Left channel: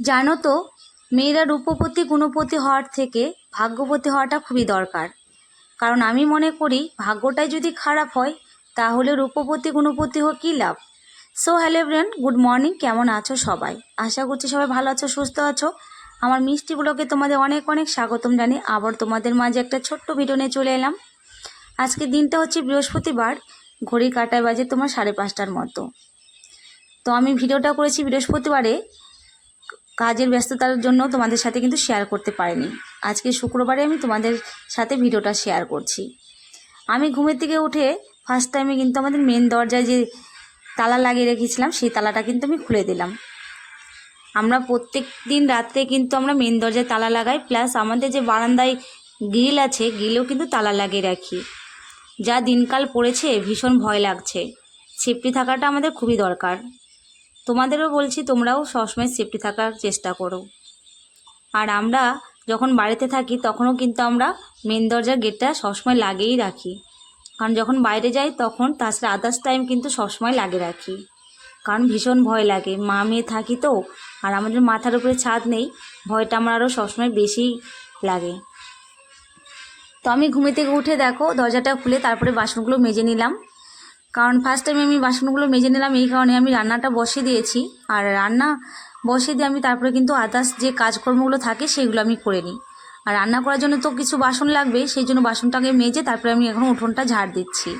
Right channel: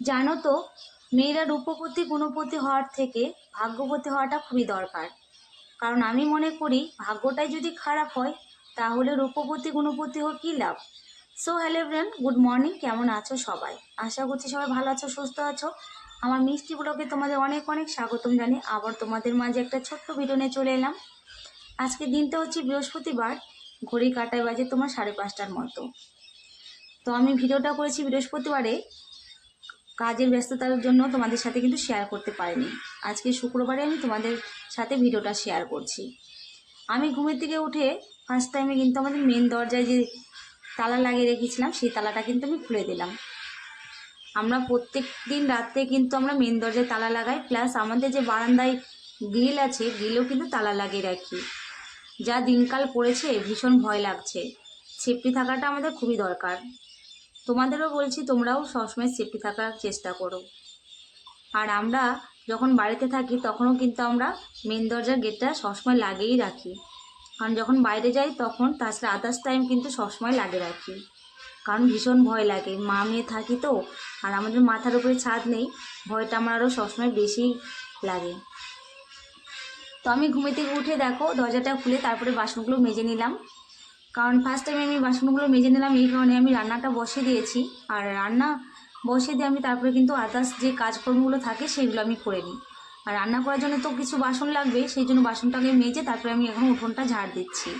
জানো তো, মেয়েরা রূপবতী গুণবতী হওয়ার থেকে ভাগ্যবতী হওয়াটা খুবই দরকার। কারণ আমি মনে করি ভাগ্যটাই যদি খারাপ হয় তাহলে রূপবতী গুণবতী হোক কী লাভ। So hello everyone, good morning. কেমন আছো সবাই? আশা করছি সবাই ভালো আছো, সুস্থ আছো। আমার মিষ্টি ব্লগে তোমাদের অনেক অনেক স্বাগতম জানি। আবার তোমাদের মাঝে একটা ছোট্ট ভিডিও নিয়ে চলে এলাম। আজকে দিনটা হচ্ছে বৃহস্পতিবার, ঘড়ি কাঁটায় বাজে তোমার 5:30টার মতো। তো আমি ভিডিওটা করেছি বৃহস্পতিবারে, কাজের ব্যস্ততার জন্য তোমাদের সাথে কিন্তু শেয়ার করতে পারিনি। আজকে শুক্রবারে আমি তোমাদের সাথে ভিডিওটা শেয়ার করছি। আমি ঘুমের থেকে উঠে ফার্স্ট টাইমে কিন্তু আমাদের মেন দরজায় যে তালা লাগিয়ে রেখেছিলাম সেই তালাটা কিন্তু আমি খুলে দিলাম। আমরা প্রত্যেক দিন রাত্রে কিন্তু আমরা মেন দরজায় তালা লাগাই, প্লাস আমাদের যে বারান্দায় গ্রিল আছে গ্রিলেও কিন্তু তালা লাগিয়ে রাখি। যা দিনকাল পড়েছে ভীষণ ভয় লাগছে। সেফটি থাকাটা আমাদের খুবই দরকার। তোমাদেরও বলছি তোমরাও সবসময় সেফটি থাকার চেষ্টা করো। আর আমরা যখন বাড়িতে থাকি তখনও কিন্তু আমরা মেন দরজার গেটটা সবসময় লাগিয়েই রাখি। কারণ যখন বাইরে যাই তখন তাছাড়া আদার্স টাইম কিন্তু সবসময় লাগিয়ে রাখি। কারণ ভীষণ ভয় লাগে, মা মেয়ে থাকি তো, আর আমাদের মাথার উপরে ছাদ নেই, ভয়টা আমার আরও সবসময় বেশিই লাগে। তো আমি ঘুমে থেকে উঠে দেখো দরজাটা খুলে তারপরে বাসনগুলো মেজে নিলাম। কারণ ফার্স্ট টাইমে আমি বাসনগুলো মেজে নিলাম এই কারণে আমি রান্নাটা বসিয়ে দিয়েছি। আর রান্না বসিয়ে দিয়ে আমি তারপরে কিন্তু আদার্স যে কাজকর্মগুলো থাকে সেগুলো আমি করে নিই। আর রান্না করার জন্য তো কিছু বাসন লাগবে, সেই জন্য বাসনটাকে মেজে তারপরে আমি এখন উঠোনটা ঝাড় দিচ্ছি।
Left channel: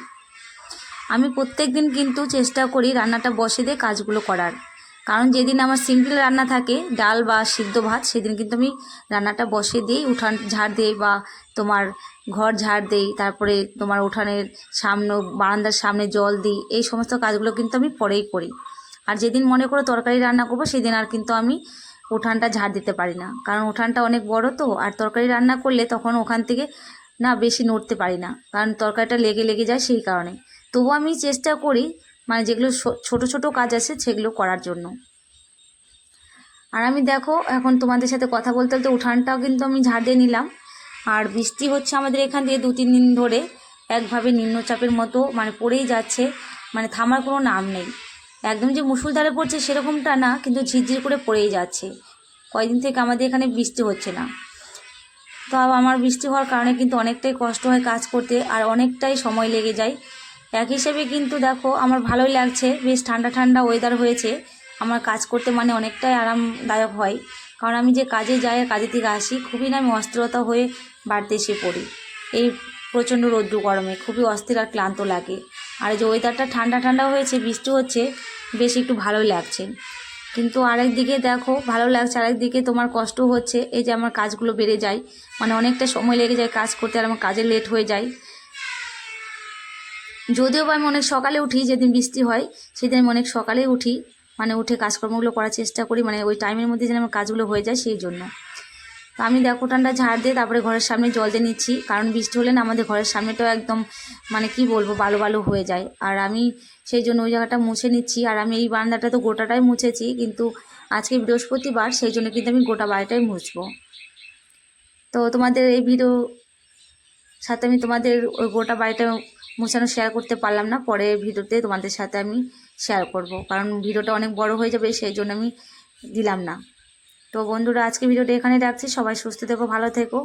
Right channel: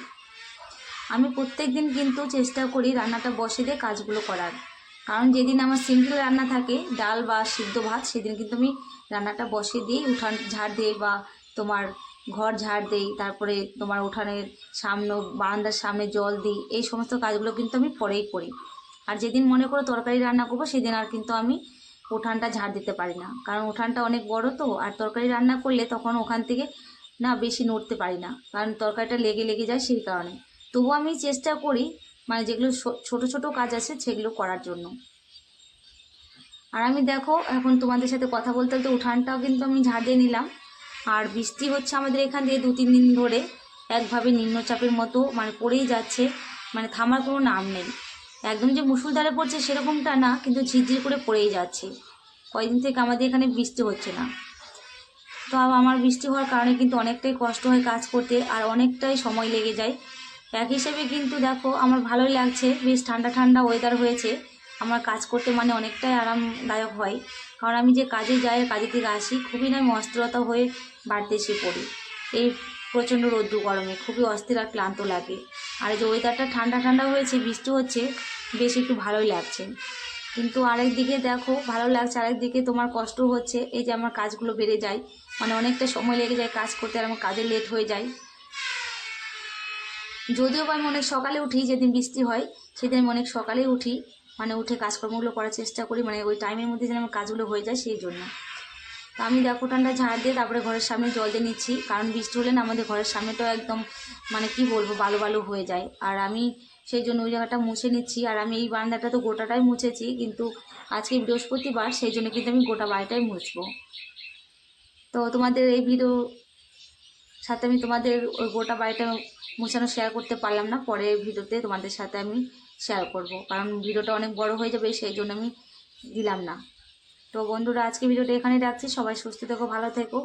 আমি প্রত্যেক দিন কিন্তু চেষ্টা করি রান্নাটা বসিয়ে দিয়ে কাজগুলো করার। কারণ যেদিন আমার সিম্পল রান্না থাকে, ডাল বা সিদ্ধ ভাত, সেদিন কিন্তু আমি রান্নাটা বসিয়ে দিই, উঠান ঝাড় দিই বা তোমার ঘর ঝাড় দিই, তারপরে তোমার উঠানের সামনে বারান্দার সামনে জল দিই। এই সমস্ত কাজগুলো কিন্তু আমি পরেই করি। আর যেদিন মনে করো তরকারি রান্না করবো সেদিন আর কিন্তু আমি উঠানটা ঝাড় দিতে পারি না, কারণ উঠানটা অনেক বড় তো। আর তরকারি রান্না করলে তখন ওখান থেকে না বেশি নড়তে পারি না, কারণ তরকারিটা লেগে লেগে যায় সেই কারণে। তবুও আমি চেষ্টা করি মানে যেগুলো ছোট ছোট কাজ আছে সেগুলো করার জন্য। আর আমি দেখো এখন তোমাদের সাথে কথা বলতে বলতে উঠানটাও কিন্তু আমি ঝাড় দিয়ে নিলাম। আর বৃষ্টি হচ্ছে আমাদের এখান দিয়ে 2-3 দিন ধরে, একভাবে নিম্নচাপের মতো মানে পড়েই যাচ্ছে, মানে থামার কোনো নাম নেই। একদম যে মুষলধারে পড়ছে সেরকমটা না, কিন্তু ঝিরঝির করে পড়েই যাচ্ছে। কয়েকদিন থেকে আমাদের এখানে বৃষ্টি হচ্ছে না। তো আমার বৃষ্টি হওয়ার কারণে কিন্তু অনেকটাই কষ্ট হয় কাজ করতে, আর অনেকটাই সময় লেগে যায়। এক হিসেবে কিন্তু দেখো আমার ভালোই লাগছে, বেশ ঠান্ডা ঠান্ডা ওয়েদার হয়েছে। আমার কাজ করতে মানে অনেকটাই আরামদায়ক হয়। কারণ আমি যে কাজে যাই আর কাজে থেকে আসি খুবই না আমি অস্থিরতা হয়ে বাড়িতে এসে পড়ি। এই প্রচণ্ড রৌদ্র গরমে খুবই অস্থির আর ক্লান্ত লাগে। আর যে ওয়েদারটা ঠান্ডা ঠান্ডা হয়েছে, বৃষ্টি হচ্ছে, বেশ একটু ভালোই লাগছে। কিন্তু আরেক দিকে দেখো ভালো লাগছে, আরেক দিকে তোমার কষ্ট হচ্ছে। এই যে আমার কাজগুলো বেড়ে যায়, মানে অনেকটা সময় লেগে যায় কাজ করতে, আর আমার কাজে লেট হয়ে যায়। যদিও বা আমি অনেক সকালে উঠি, যেদিন বৃষ্টি হয় সেদিন আমি অনেক সকালেই উঠি, মানে উঠে কাজকর্মগুলো করার চেষ্টা করি, মানে ওই টাইমের মধ্যে যেন আমার কাজগুলো হয়ে যায় সেই জন্য। তো আমি দেখো উঠানটা ঝাড় দিয়ে তারপরে ঘরের সামনে জল দিয়ে নিচ্ছি, কারণ বৃষ্টি হলে না আমাদের ঘরের সামনেটাও একদম মানে কি বলবো বালু বালু হয়ে যায়। আর আমি সেই জন্য ওই জায়গাটা মুছে নিচ্ছি। আর আমি এই বারান্দাটা তো গোটাটাই মুছেছি, কিন্তু আজকে বৃহস্পতিবার সেই জন্য কিন্তু আমি গোটা বাড়িটাই মুছবো। তো তোমাদের এই ভিডিও সাথে আমি তোমাদের ওই গোটা বাড়িটা মোছানো শেয়ার করতে পারলাম না, পরে ভিডিওতে তোমাদের সাথে আমি শেয়ার করব, কারণ ভিডিওটা অনেক বড় হয়ে যাবে সেই জন্য আমি দিলাম না। তো বন্ধুরা আজকে ভিডিওটা এখানেই রাখছি, সবাই সুস্থ থেকো, ভালো থেকো।